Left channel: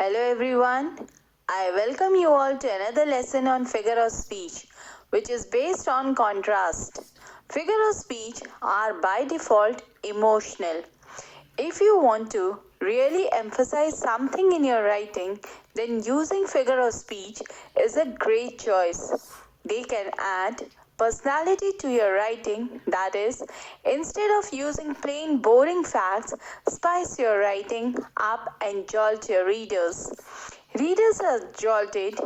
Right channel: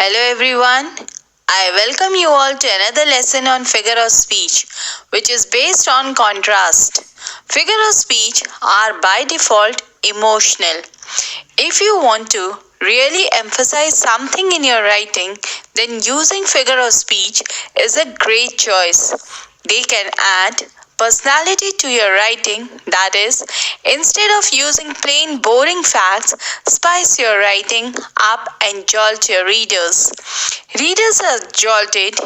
Hello everyone. I welcome you all to another lesson on figure of speech, which is based on contrast. Figure of speech are by default emotional. If you want to really emphasize something in your writing, then using figure of speech is a great choice. They can add personality to your writing, that is, instead of using plain boring facts, spice your writing up and jolt your readers. Readers are jolted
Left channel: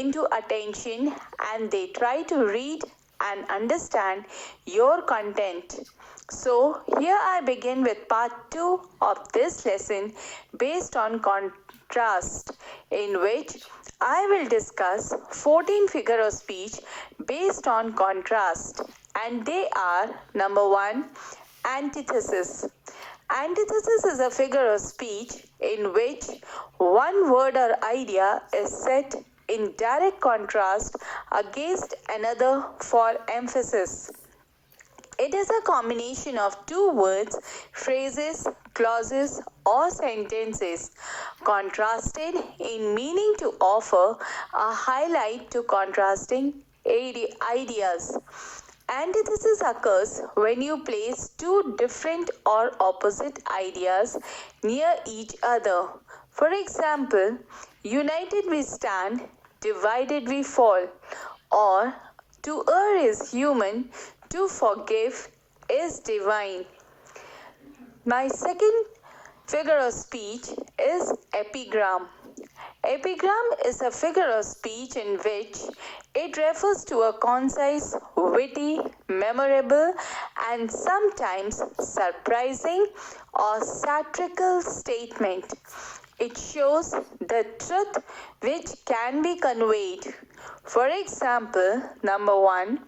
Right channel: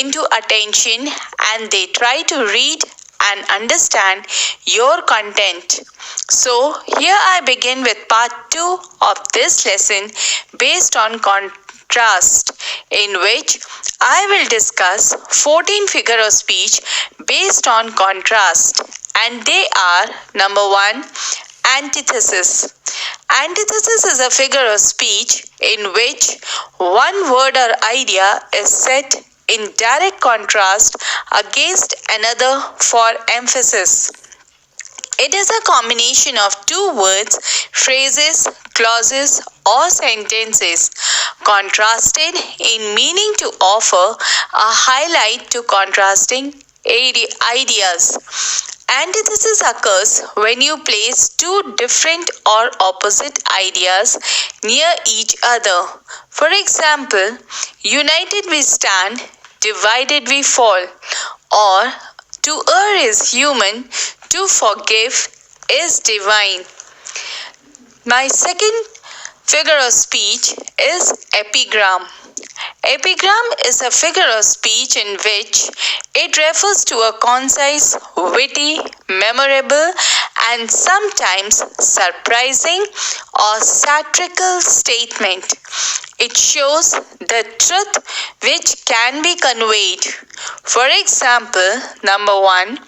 into attention and they try to read and understand your content. So, here I begin with part 2 of this lesson based on contrast, in which I will discuss 14 figure of speech based on contrast, and they are: number 1, antithesis. Antithesis is a figure of speech in which one word or idea is set in direct contrast against another for emphasis. It is a combination of two words, phrases, clauses, or sentences, contrasted in meaning to offer a highlight to contrasting ideas. Antithesis occurs when you place two different or opposite ideas near each other. For example, united we stand, divided we fall, or to err is human, to forgive is divine. My second figure of speech is epigram. Epigram is a figure of speech in which it refers to a concise, witty, memorable, and sometimes surprising or satirical statement. It shows the truth which can be conveyed. For example, number 1,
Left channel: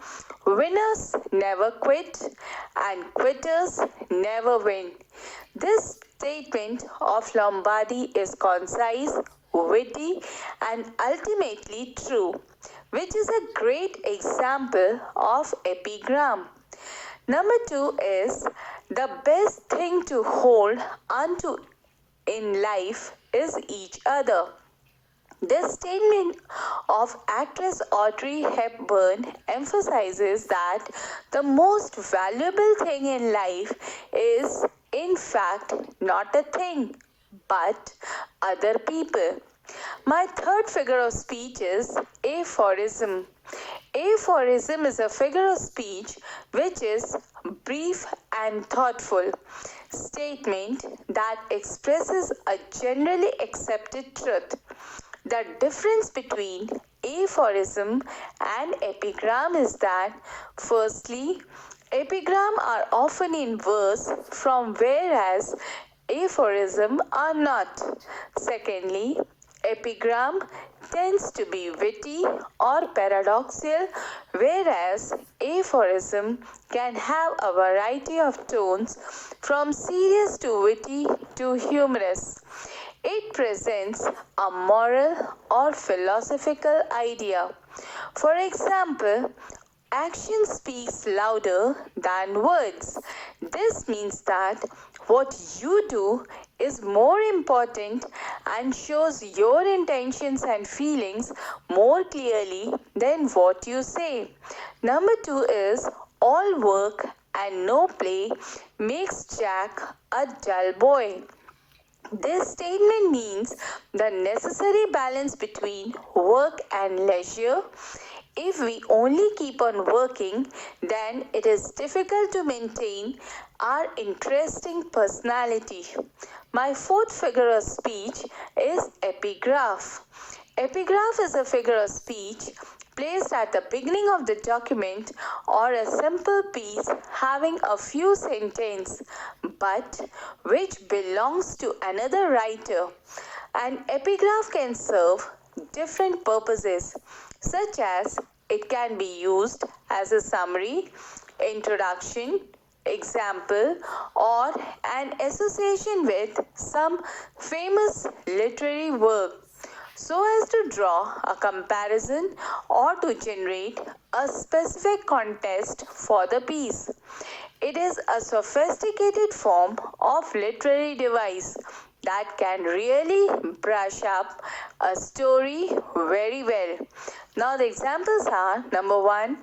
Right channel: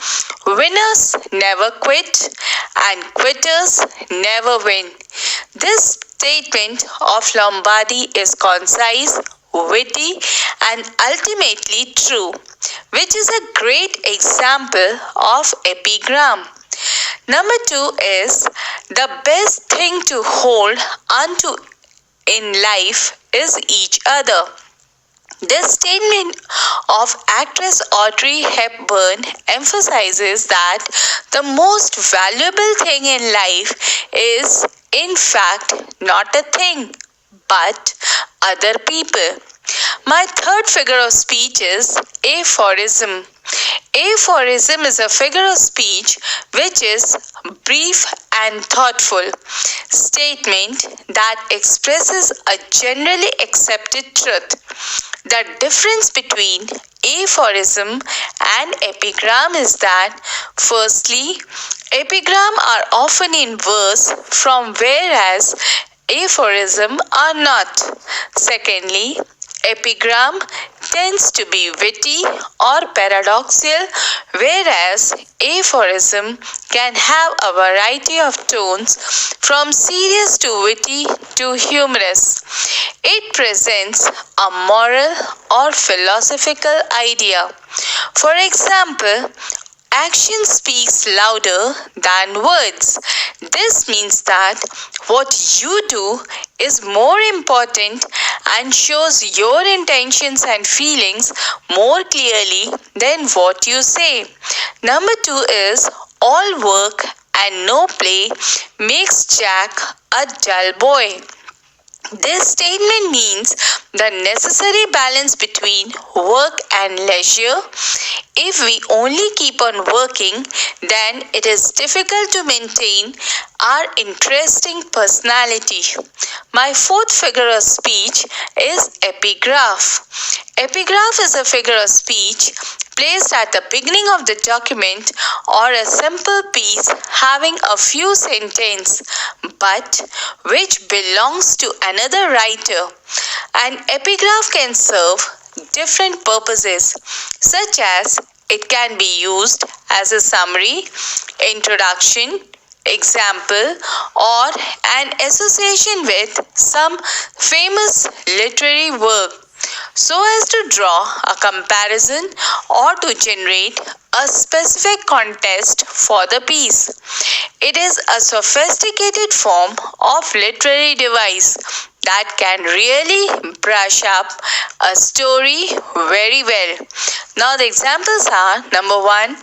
winners never quit and quitters never win. This statement of Lombardy is concise, witty, and ultimately true, which is a great example of epigram. Number 2 is the best thing to hold onto in life is each other. This statement of actress Audrey Hepburn emphasizes that the most valuable thing in life is, in fact, not a thing, but other people. My third figure of speech is aphorism. Aphorism is a figure of speech which is brief and thoughtful statement that expresses a generally accepted truth. The difference between aphorism and epigram is that, firstly, epigram are often in verse from whereas aphorism are not. Secondly, epigram tends to be witty or paradoxical, whereas aphorism can have a variety of tones from serious to witty to humorous. It presents a moral or philosophical idea. For example, action speaks louder than words. This means that what you do is more important and shows your intentions and feelings more clearly than what you say. Number 2 is all work and no play makes Jack a dull boy. This statement means the necessary balance between work and leisure. If we only keep on working, then it is difficult to maintain our interesting personality. My fourth figure of speech is epigraph. Epigraph is a figure of speech placed at the beginning of the document or a simple piece having a few sentences but which belongs to another writer. An epigraph can serve different purposes, such as it can be used as a summary, introduction, example, or an association with some famous literary work, so as to draw a comparison or to generate a specific context for the piece. It is a sophisticated form of literary device that can really brush up a story very well. Now the examples are: number 1,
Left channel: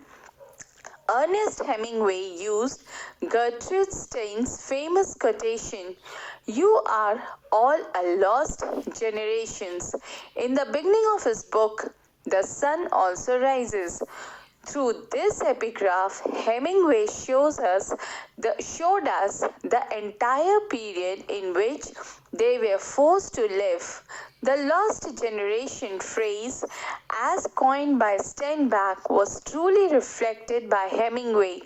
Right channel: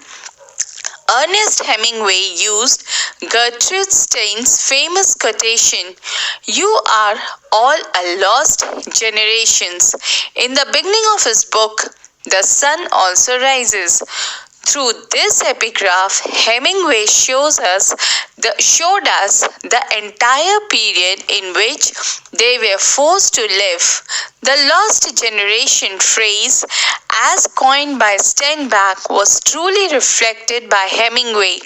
Ernest Hemingway used Gertrude Stein's famous quotation, "You are all a lost generations," in the beginning of his book, The Sun Also Rises. Through this epigraph, Hemingway showed us the entire period in which they were forced to live. The lost generation phrase, as coined by Steinbeck, was truly reflected by Hemingway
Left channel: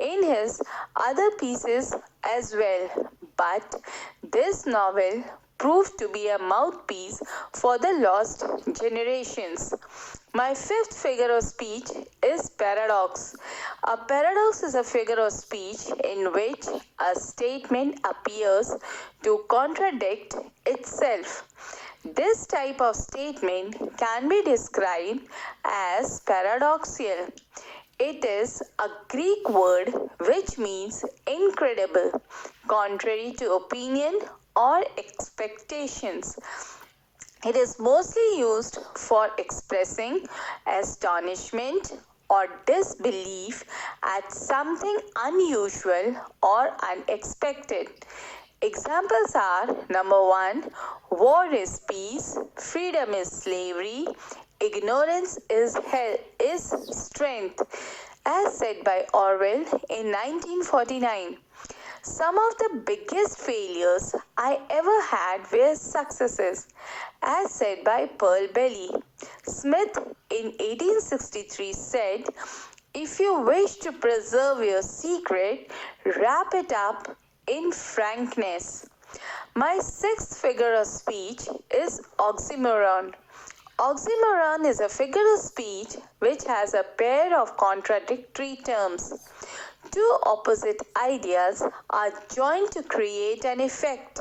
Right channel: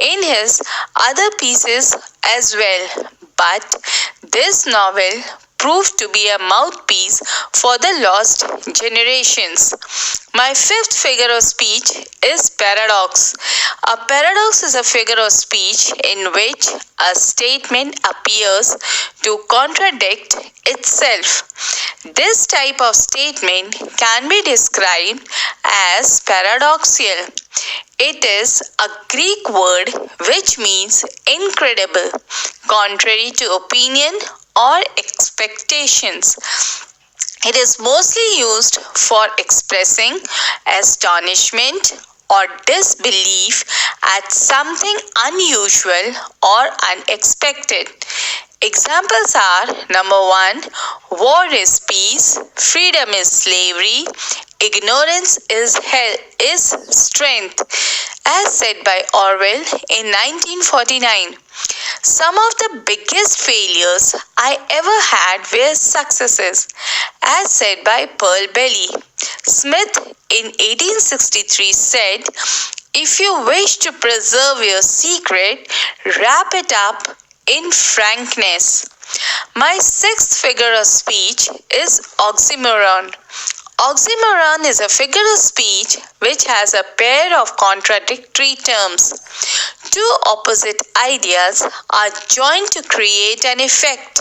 in his other pieces as well. But this novel proved to be a mouthpiece for the lost generations. My fifth figure of speech is paradox. A paradox is a figure of speech in which a statement appears to contradict itself. This type of statement can be described as paradoxical. It is a Greek word which means incredible, contrary to opinion or expectations. It is mostly used for expressing astonishment or disbelief at something unusual or unexpected. Examples are: number 1, war is peace, freedom is slavery, ignorance is strength, as said by Orwell in 1949. Some of the biggest failures I ever had were successes, as said by Pearl Bailey. Smith in 1863 said, "If you wish to preserve your secret, wrap it up in frankness." My sixth figure of speech is oxymoron. Oxymoron is a figure of speech which has a pair of contradictory terms. Two opposite ideas are joined to create an effect.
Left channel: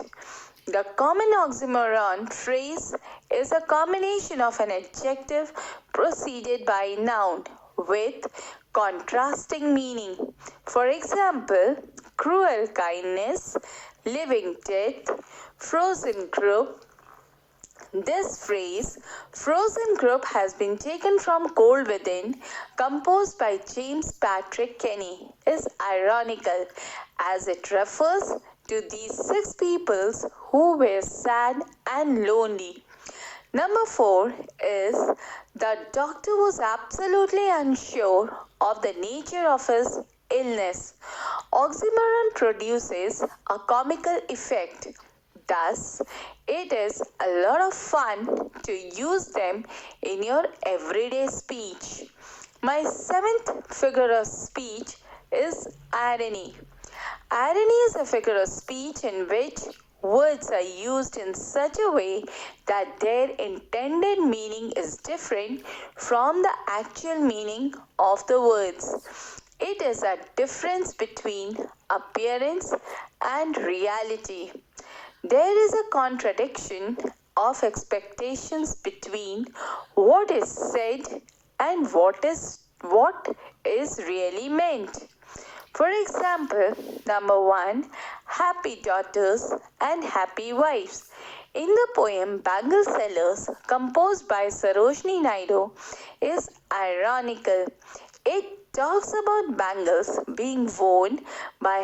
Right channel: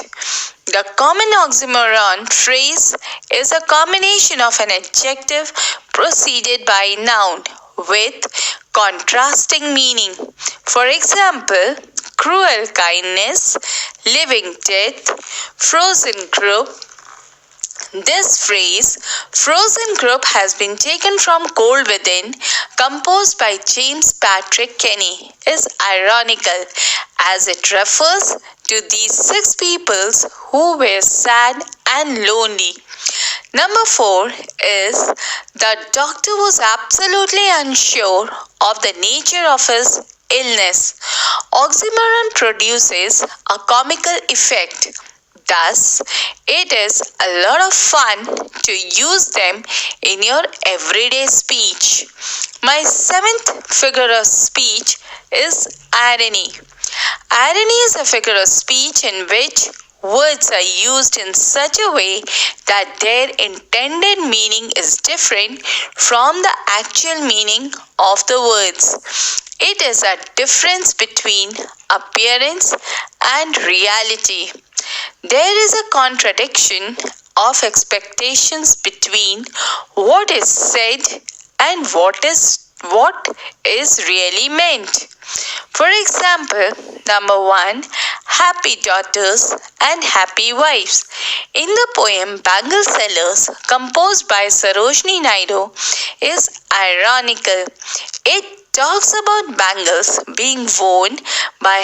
The common oxymoron phrase is a combination of an adjective preceded by a noun with contrasting meaning. For example, cruel kindness, living death, frozen group. This phrase, frozen group, has been taken from Cold Within, composed by James Patrick Kenny, is ironical as it refers to these 6 peoples who were sad and lonely. Number 4 is the doctor was absolutely unsure of the nature of his illness. Oxymoron produces a comical effect. Thus, it is a lot of fun to use them in your everyday speech. My 7th figure of speech is irony. Irony is a figure of speech in which words are used in such a way that their intended meaning is different from the actual meaning of the words. It is a difference between appearance and reality. There is a contradiction of expectations between what is said and what is really meant. For example, number 1, happy daughters and happy wives. In the poem Bangle Sellers, composed by Sarojini Naidu, is ironical. It talks about bangles being worn by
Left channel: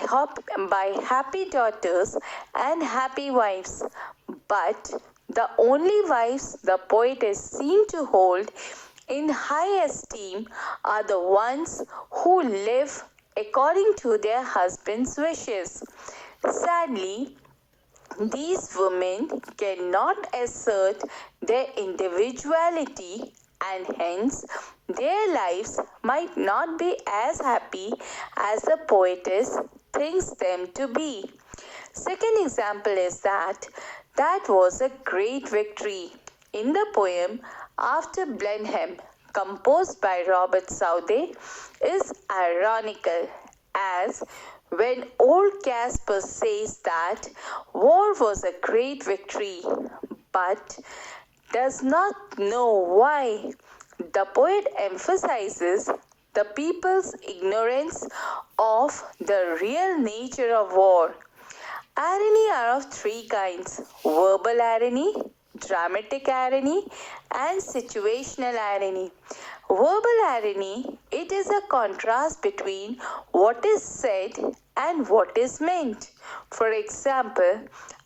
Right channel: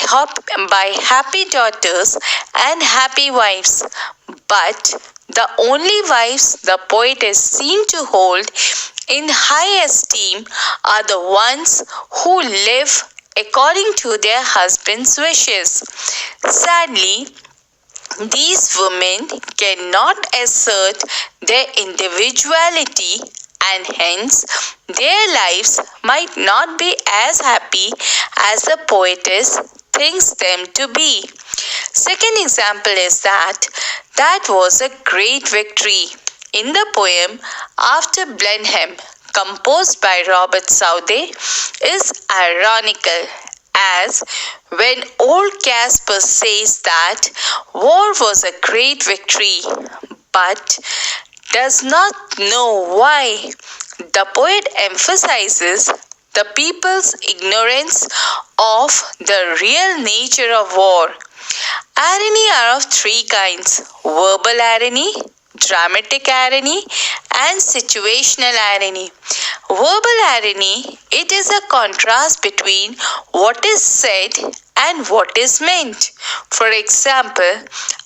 happy daughters and happy wives, but the only wives the poet is seen to hold in high esteem are the ones who live according to their husband's wishes. Sadly, these women cannot assert their individuality, and hence their lives might not be as happy as the poetess thinks them to be. Second example is that was a great victory. In the poem After Blenheim, composed by Robert Southey, is ironical, as when old Casper says that war was a great victory, but does not know why. The poet emphasizes the people's ignorance of the real nature of war. Irony are of three kinds: verbal irony, dramatic irony, and situational irony. Verbal irony, it is a contrast between what is said and what is meant. For example,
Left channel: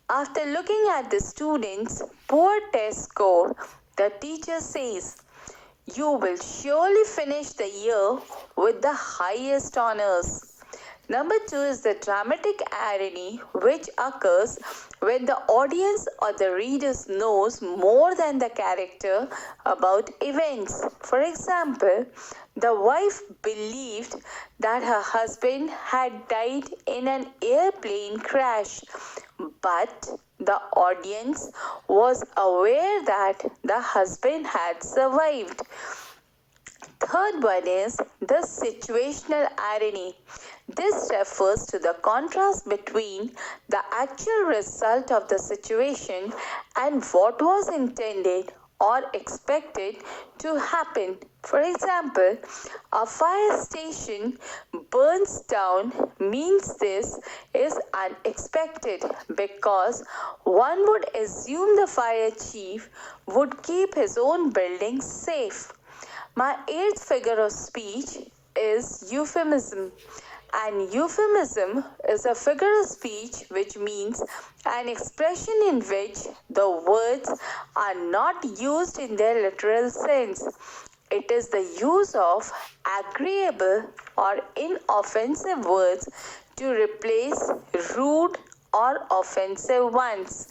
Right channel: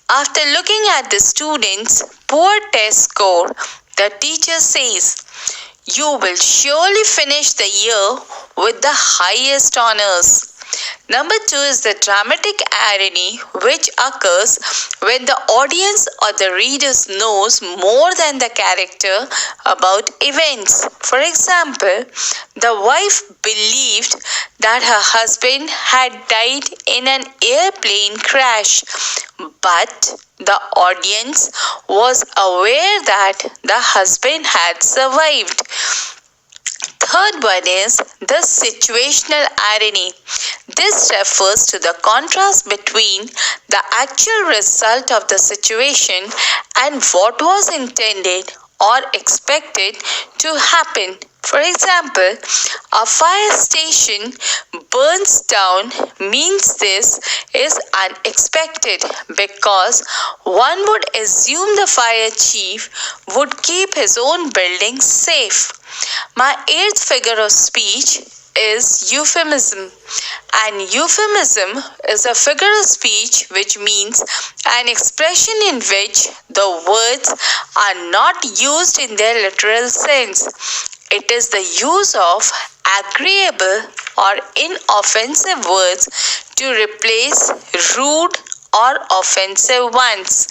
after looking at the student's poor test score, the teacher says, "You will surely finish the year with the highest honors." Number two is the dramatic irony, which occurs when the audience or the readers knows more than the character about events. For example, the wife believed that her husband had died in an airplane crash, but the audience was aware that the husband had survived. Third one is the situational irony. This refers to the contrast between the actual result of the situation and what was intended or expected to happen. For example, a fire station burns down means this is unexpected because one would assume the fire chief would keep his own building safe. My eighth figure of speech is euphemism. An euphemism is a figure of speech which means an expression in which the words are not used in their literal sense. It is the use of agreeable or inoffensive words to replace rude or offensive ones.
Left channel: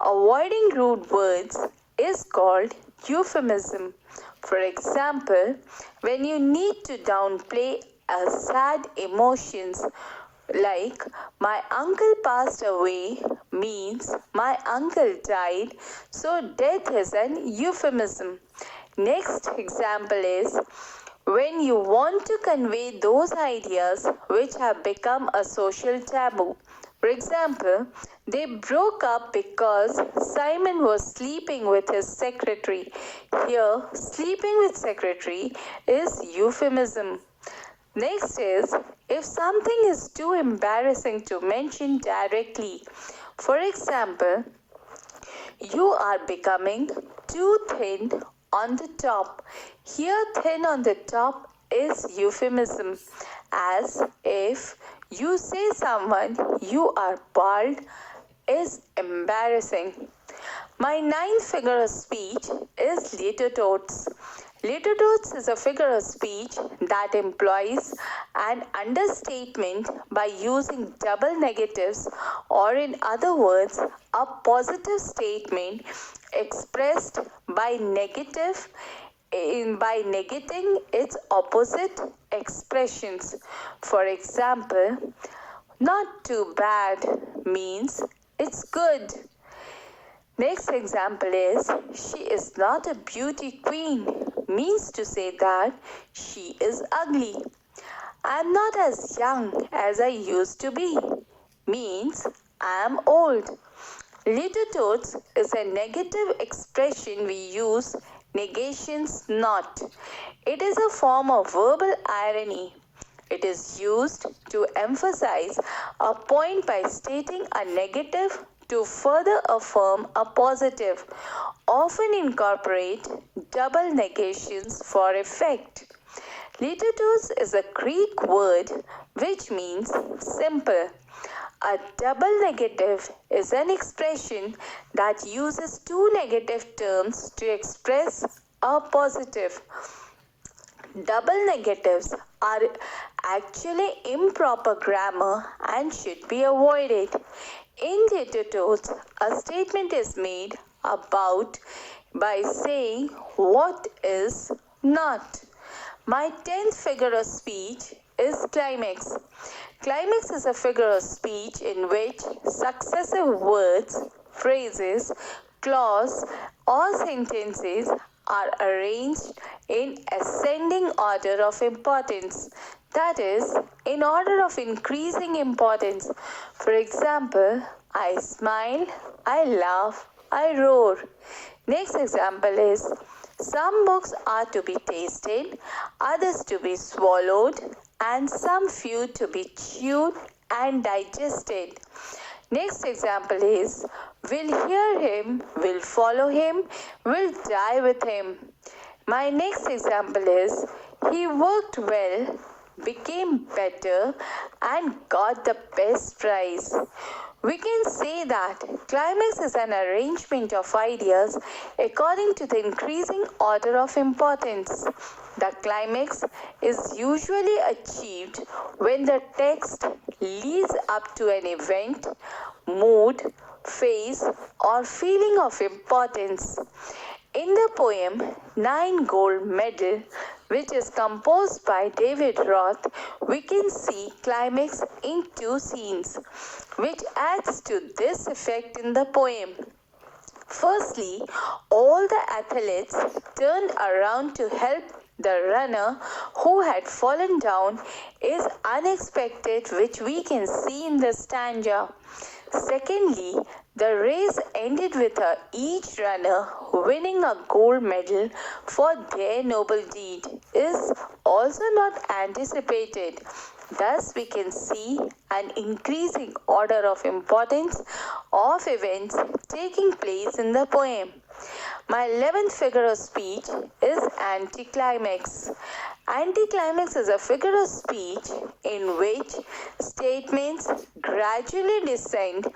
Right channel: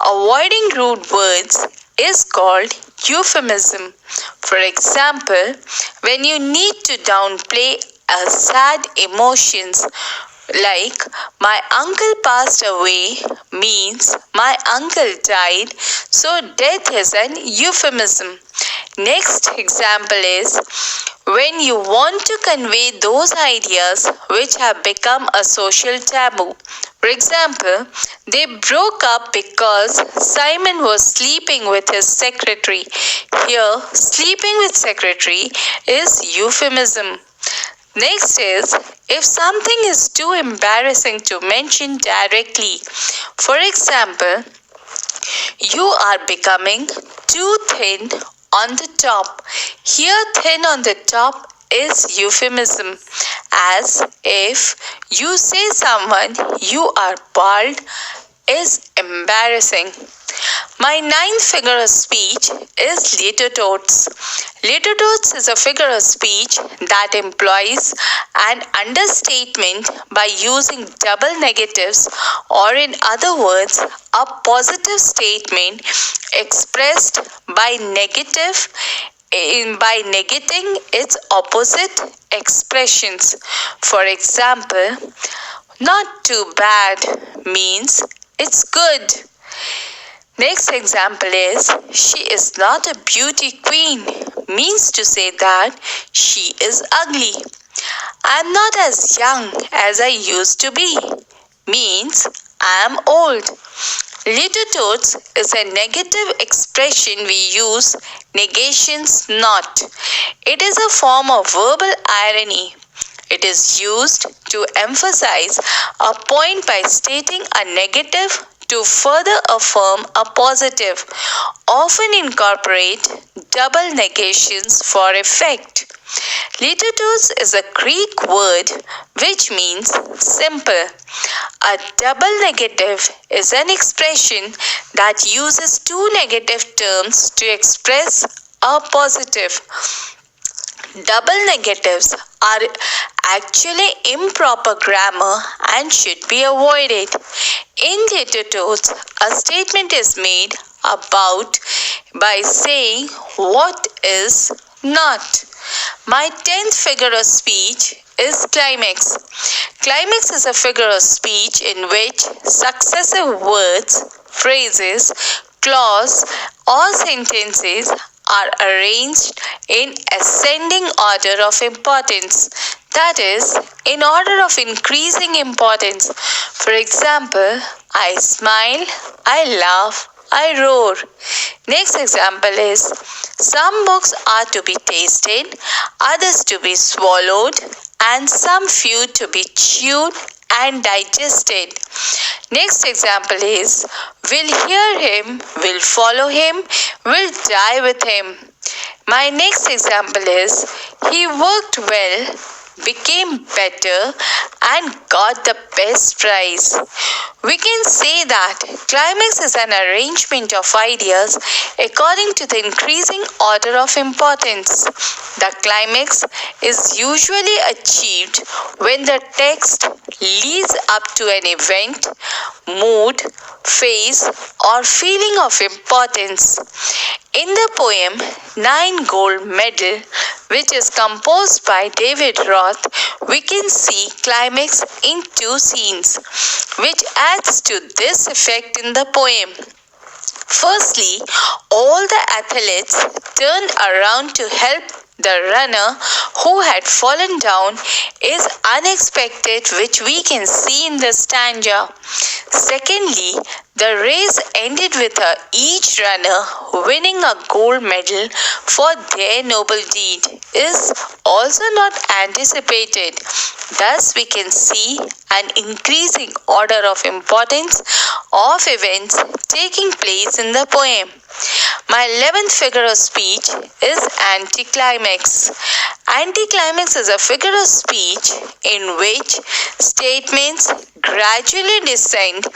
Avoiding rude words is called euphemism. For example, when you need to downplay a sad emotions, like "my uncle passed away" means "my uncle died," so death is an euphemism. Next example is when you want to convey those ideas which have become a social taboo. For example, they broke up because Simon was sleeping with his secretary. Here, sleeping with secretary is euphemism. Next is if something is too embarrassing to mention directly. For example, "You are becoming too thin on the top." Here, thin on the top is euphemism, as if you say someone "you are bald" is embarrassing. My ninth figure of speech is litotes. Litotes is a figure of speech that employs an understatement by using double negatives, or in other words, a positive statement expressed by negating its opposite expressions. For example, "Not too bad" means "it's good." Next example is "She is not a beauty queen" means to say that she is ugly. "I'm not as young as I used to be" means I'm old. Litotes is a negative expression we use negations not. It is a form of verbal irony. It is used to emphasize a point by stating a negative to further affirm a positive, often incorporate double negations for effect. Litotes is a Greek word which means simple. A double negative is an expression that uses two negative terms to express a positive. Double negatives are actually improper grammar and should be avoided. In litotes, a statement is made about by saying what is not. My 10th figure of speech is climax. Climax is a figure of speech in which successive words, phrases, clause, or sentences are arranged in ascending order of importance. That is, in order of increasing importance. For example, I smile, I laugh, I roar. Next example is some books are to be tasted, others to be swallowed, and some few to be chewed and digested. Next example is, will hear him, will follow him, will die with him. My next example is, he worked well, became better, and got the best prize. We can say that climax is an arrangement of ideas according to the increasing order of importance. The climax is usually achieved when the text leads up to an event, mood, phase, or feeling of importance. In the poem Nine Gold Medal, which is composed by David Roth, we can see climax in two scenes, which adds to this effect in the poem. Firstly, all the athletes turned around to help the runner who had fallen down is unexpected, which we can see in the stanza. Secondly, the race ended with each runner winning a gold medal for their noble deed is also not anticipated. Thus, we can see an increasing order of importance of events taking place in the poem. My 11th figure of speech is Anticlimax. Anticlimax is a figure of speech in which statements gradually descend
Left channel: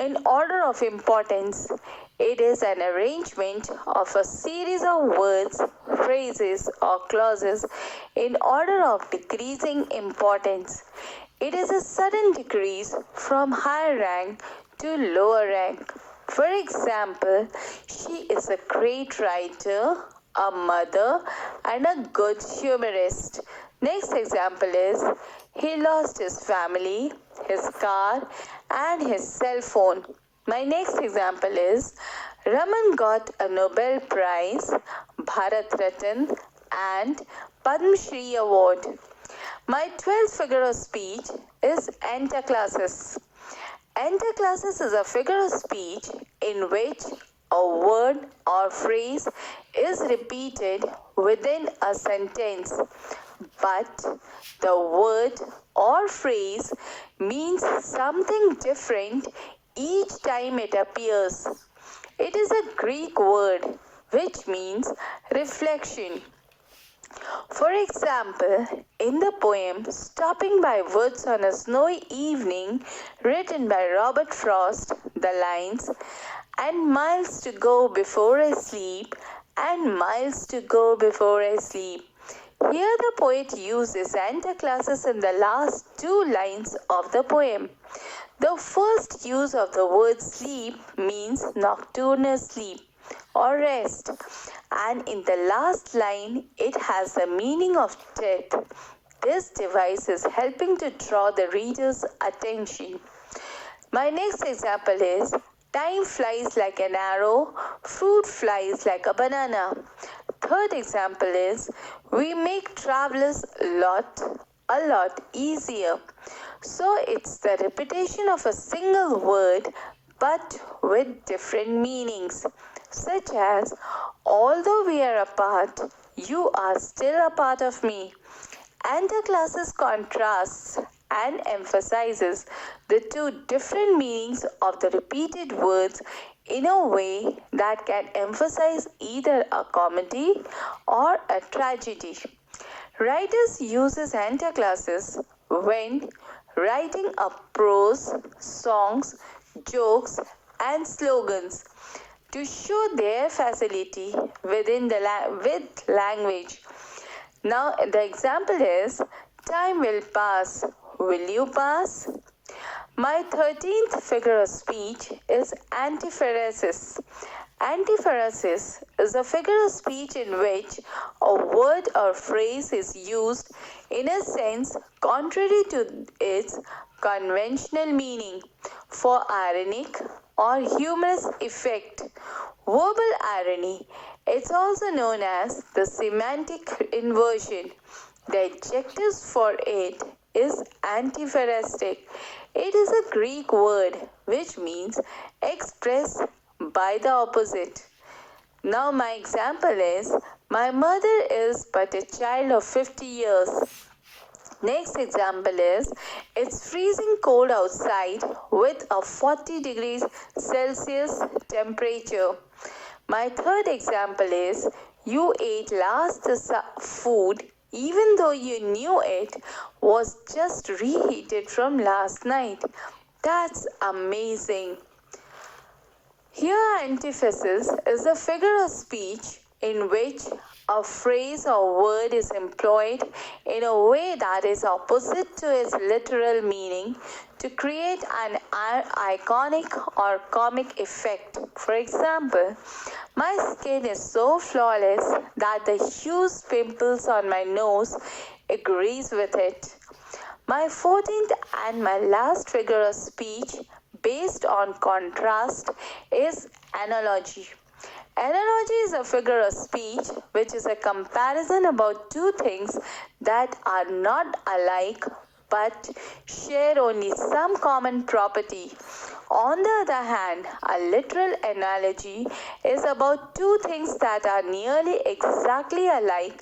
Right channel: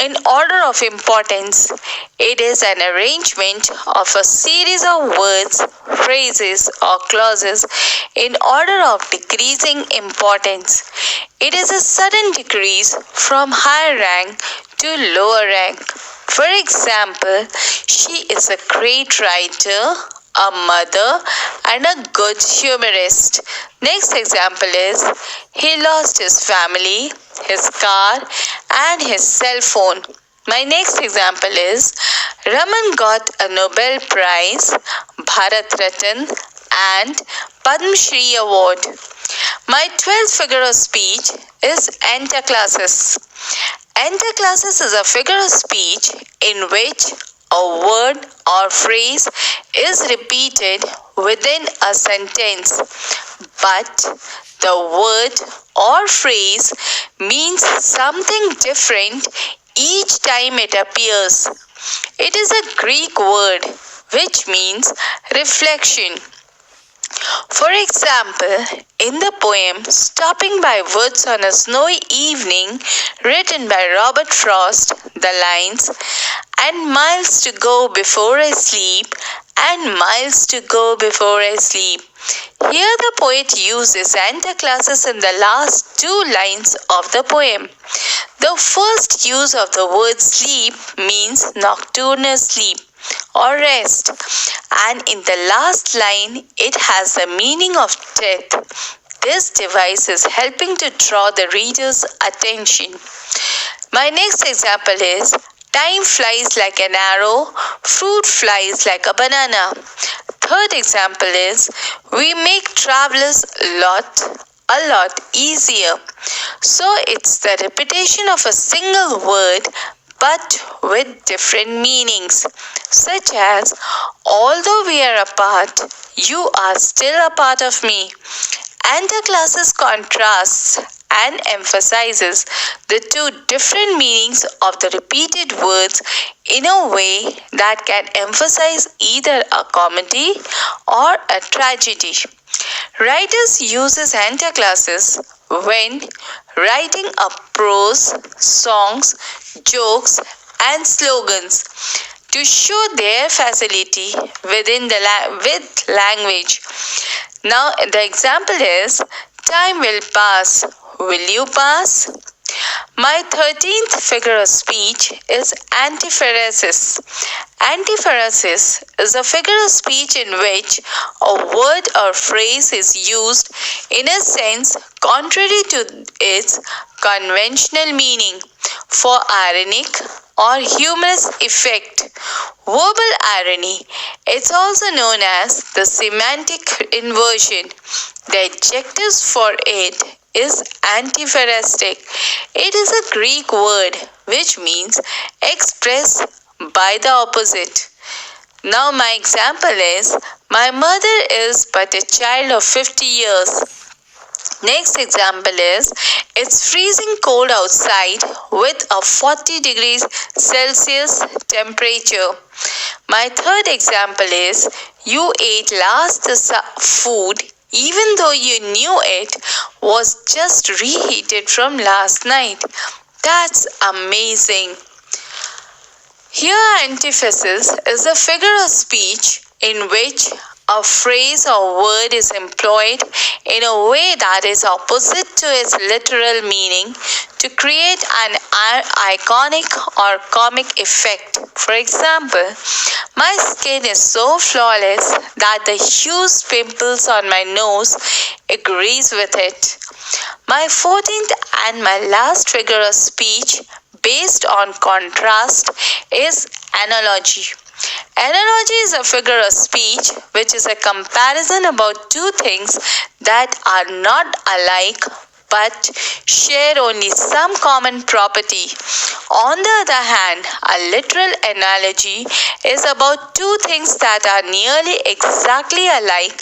in order of importance. It is an arrangement of a series of words, phrases, or clauses in order of decreasing importance. It is a sudden decrease from higher rank to lower rank. For example, she is a great writer, a mother, and a good humorist. Next example is, he lost his family, his car, and his cell phone. My next example is, Raman got a Nobel Prize, Bharat Ratna, and Padma Shri Award. My 12th figure of speech is Antaclasis. Antaclasis is a figure of speech in which a word or phrase is repeated within a sentence, but the word or phrase means something different each time it appears. It is a Greek word which means reflection. For example, in the poem Stopping by Woods on a Snowy Evening, written by Robert Frost, the lines, "And miles to go before I sleep, and miles to go before I sleep." Here the poet uses Antaclasis in the last two lines of the poem. The first use of the word sleep means nocturnal sleep or rest, and in the last line it has the meaning of death. This device is helping to draw the reader's attention. My next example is, time flies like an arrow, fruit flies like a banana. Third example is, we make travelers a lot easier. So it's the repetition of a single word but with different meanings, such as, although we are apart, you are still a part of me. Antaclasis contrasts and emphasizes the two different meanings of the repeated words in a way that can emphasize either a comedy or a tragedy. Writers uses Antaclasis when writing a prose, songs, jokes, and slogans to show their facility with language. Now the example is, time will pass. Will you pass? My 13th figure of speech is Antiphrasis. Antiphrasis is a figure of speech in which a word or phrase is used in a sense contrary to its conventional meaning for ironic or humorous effect. Verbal irony, it's also known as the semantic inversion. The adjectives for it is antiphrastic. It is a Greek word which means express by the opposite. Now my example is, my mother is but a child of 50 years. Next example is, it's freezing cold outside with a 40 degrees Celsius temperature. My third example is, you ate last the food even though you knew it was just reheated from last night. That's amazing. Here, antithesis is a figure of speech in which a phrase or word is employed in a way that is opposite to its literal meaning to create an iconic or comic effect. For example, my skin is so flawless that the huge pimples on my nose agrees with it. My 14th and my last figure of speech based on contrast is analogy. Analogy is a figure of speech which is a comparison about two things that are not alike but share only some common property. On the other hand, a literal analogy is about two things that are nearly exactly alike.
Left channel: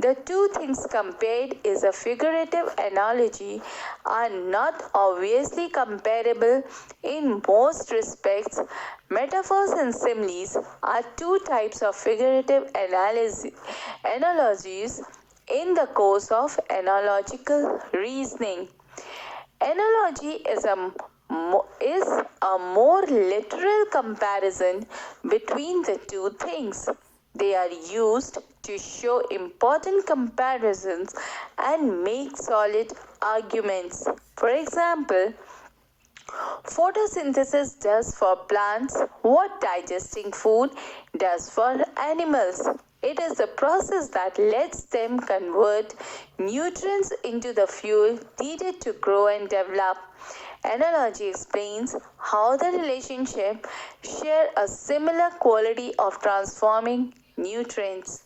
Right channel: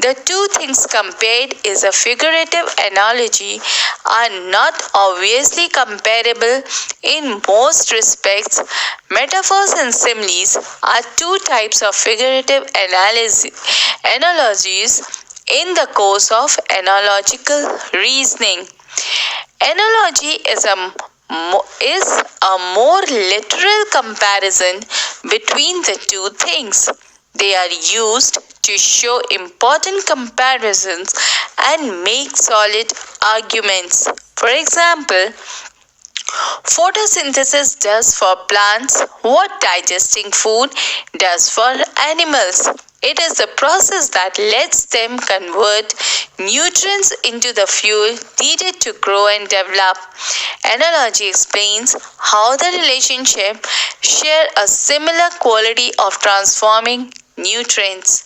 The two things compared is a figurative analogy are not obviously comparable in most respects. Metaphors and similes are two types of figurative analogies in the course of analogical reasoning. Analogy is a more literal comparison between the two things. They are used to show important comparisons and make solid arguments. For example, photosynthesis does for plants what digesting food does for animals. It is the process that lets them convert nutrients into the fuel needed to grow and develop. Analogy explains how the relationship share a similar quality of transforming nutrients.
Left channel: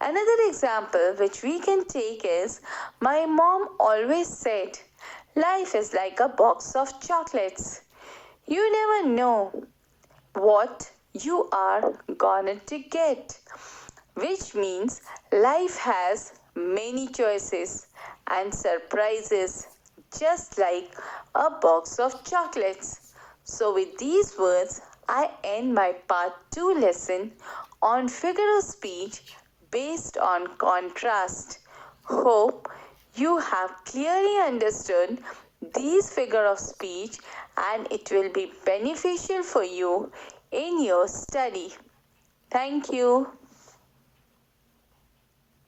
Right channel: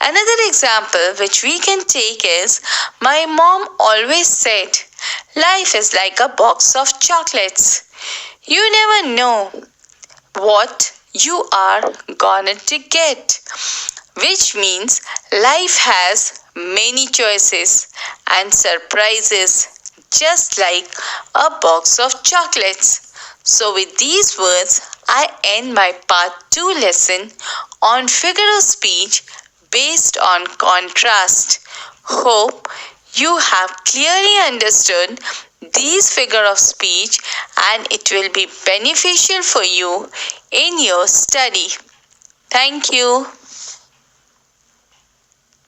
Another example which we can take is, my mom always said, life is like a box of chocolates. You never know what you are gonna to get. Which means life has many choices and surprises, just like a box of chocolates. So with these words, I end my part 2 lesson on figure of speech based on contrast. Hope you have clearly understood these figure of speech and it will be beneficial for you in your study. Thank you.